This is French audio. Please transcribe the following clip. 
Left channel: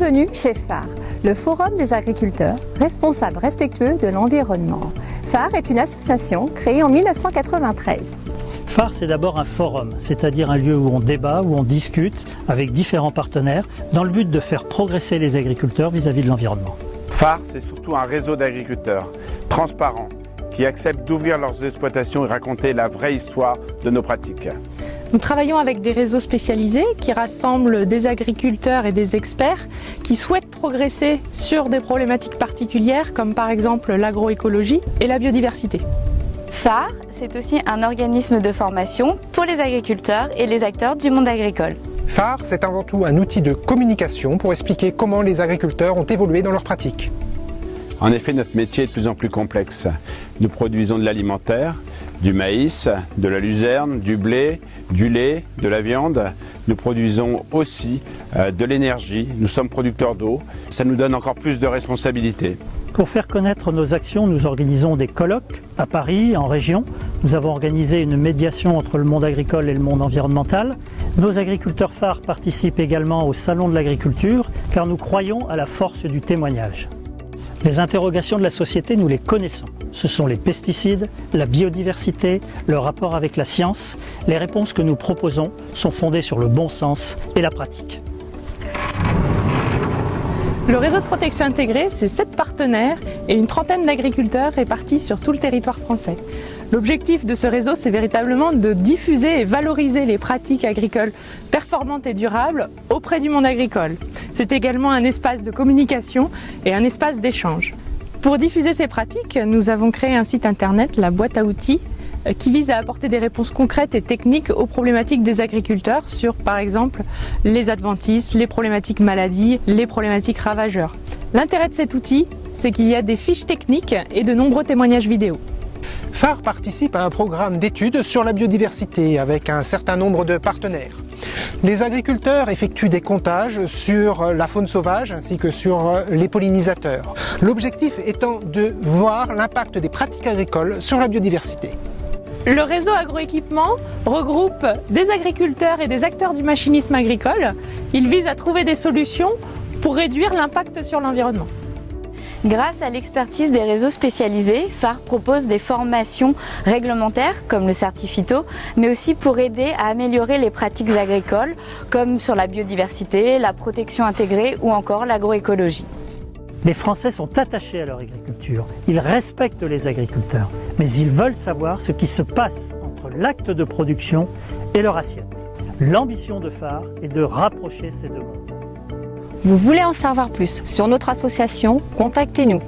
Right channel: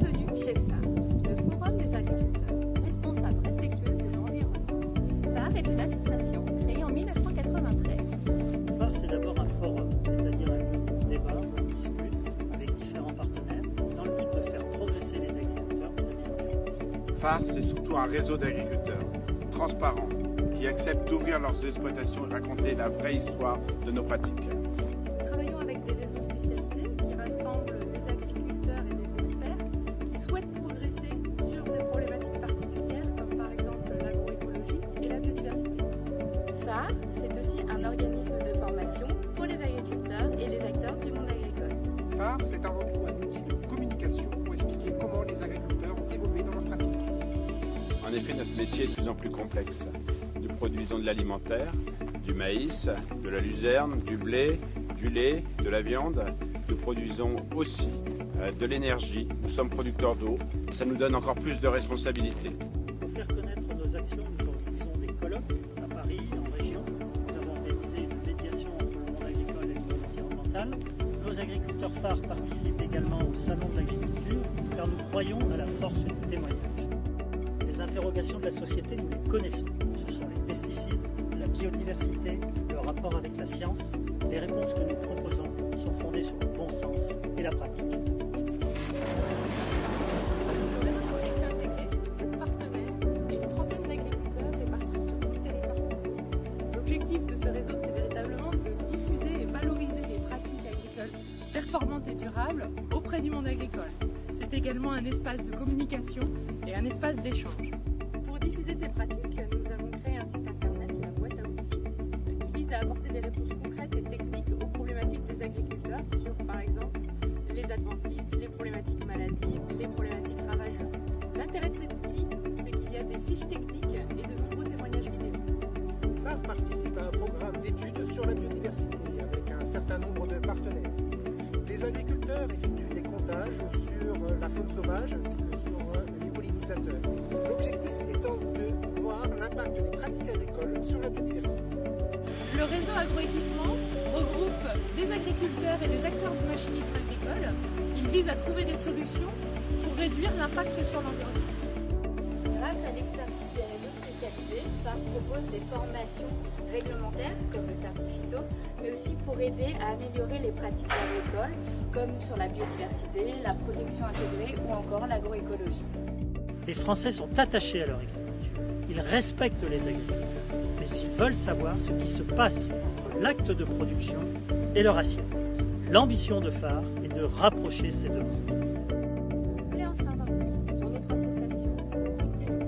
Bienvenue chez phare, le Forum des agriculteurs, responsables respectueux de l'environnement. phare est une association créée en 1993. phare, c'est d'abord un forum, c'est-à-dire un lieu où on débat, où on discute avec différents partenaires dans le but de faire progresser les agriculteurs vis-à-vis de l'environnement. phare, c'est surtout un réseau d'agriculteurs transparents qui acceptent d'ouvrir leurs exploitations et raconter la vraie histoire de nos pratiques. Nous travaillons avec des réseaux spécialisés qui rassemblent des agriculteurs et des experts qui souhaitent progresser sur des problématiques particulières comme par exemple l'agroécologie et la biodiversité. phare, c'est aussi un organisme de formation pour les agriculteurs et les acteurs du monde agricole. phare, c'est avant tout un outil de communication pour expliquer comment les agriculteurs ont évolué dans leurs pratiques. En effet, notre métier est de plus en plus complexe. Nous produisons de l'alimentaire, du maïs, de la luzerne, du blé, du lait, de la viande. Nous produisons aussi de l'énergie. Nous sommes producteurs d'eau. Ça nous donne encore plus de responsabilités. Pour faire connaître nos actions, nous organisons des colloques à Paris, en région. Nous avons organisé une médiation entre le monde agricole et le monde environnemental. Nos agriculteurs phares participent également au Salon de l'agriculture car nous croyons à la force du témoignage. Les interrogations de la société, nous les connaissons. Ce sont les pesticides, la biodiversité, le rapport avec la science. Les réponses que nous proposons sont fondées sur le bon sens et la pratique. Le réseau de protection intégrée, c'est 7 partenaires et une trentaine d'agriculteurs répartis sur tout le territoire français. L'objectif de ce réseau, c'est véritablement de diffuser et valoriser les pratiques agricoles performantes et durables auprès du monde agricole. C'est également un espace de communication et un espace d'échange. Pour diffuser ces pratiques, nous avons créé un site internet, la boîte à outils, qui vise à apporter des réponses concrètes et techniques aux problématiques des agriculteurs sur, par exemple, les adventices, les problématiques maladies, les problématiques ravageurs. L'intérêt de cet outil, c'est qu'il y a des fiches techniques et de nombreux témoignages vidéo. phare participe à un programme d'études sur la biodiversité avec un certain nombre de partenaires. Les agriculteurs effectuent des comptages sur la faune sauvage ainsi que sur les pollinisateurs. L'objectif étant de voir l'impact des pratiques agricoles sur la biodiversité. Le réseau agroéquipement regroupe des agriculteurs et des acteurs du machinisme agricole. Il vise à trouver des solutions pour réduire l'impact sur l'environnement. Grâce à l'expertise des réseaux spécialisés, phare propose des formations réglementaires comme le Certifito, mais aussi pour aider à améliorer les pratiques agricoles comme sur la biodiversité, la protection intégrée ou encore l'agroécologie. Les Français sont attachés à leur agriculture. Ils respectent les agriculteurs, mais ils veulent savoir ce qui se passe entre l'acte de production et leur assiette. L'ambition de phare est de rapprocher ces deux mondes. Vous voulez en savoir plus sur notre association? Contactez-nous.